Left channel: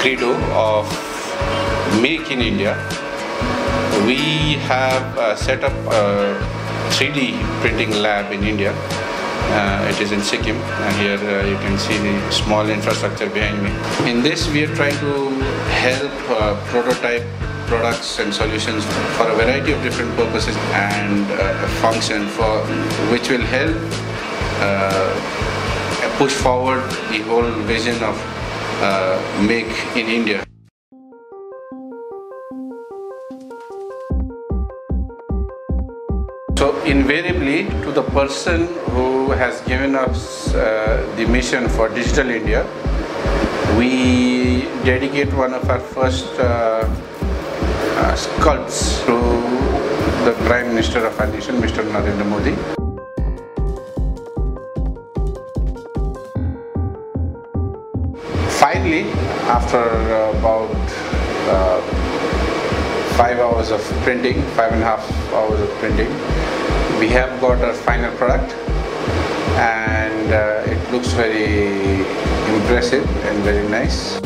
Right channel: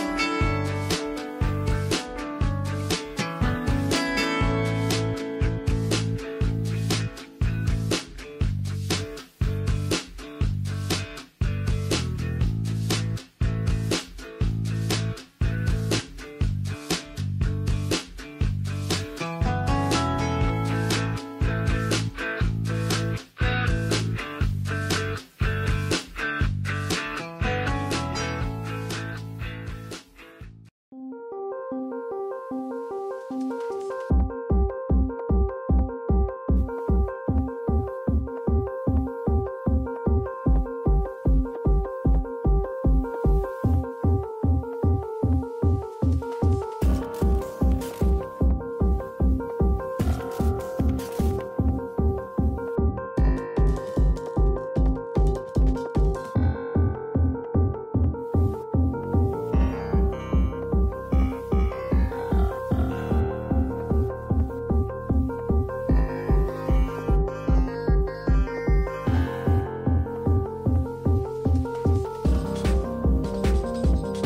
credo of Make in India. We have set up a 3D printing lab in India. It is in Sikkim, and here you can see the small infrastructure behind me. In this, we are trying to help prototype products and solutions for a variety of different purposes and a function for which will help push forward the whole vision of Make in India. So invariably, to the person who has given us the mission for Digital India, we dedicate one of our first sculpts to the Prime Minister of our nation, Mr. Narendra Modi. Finally, after about 5 hours of printing, 5.5 hours of printing, we have got our final product, and it looks very impressive and very nice.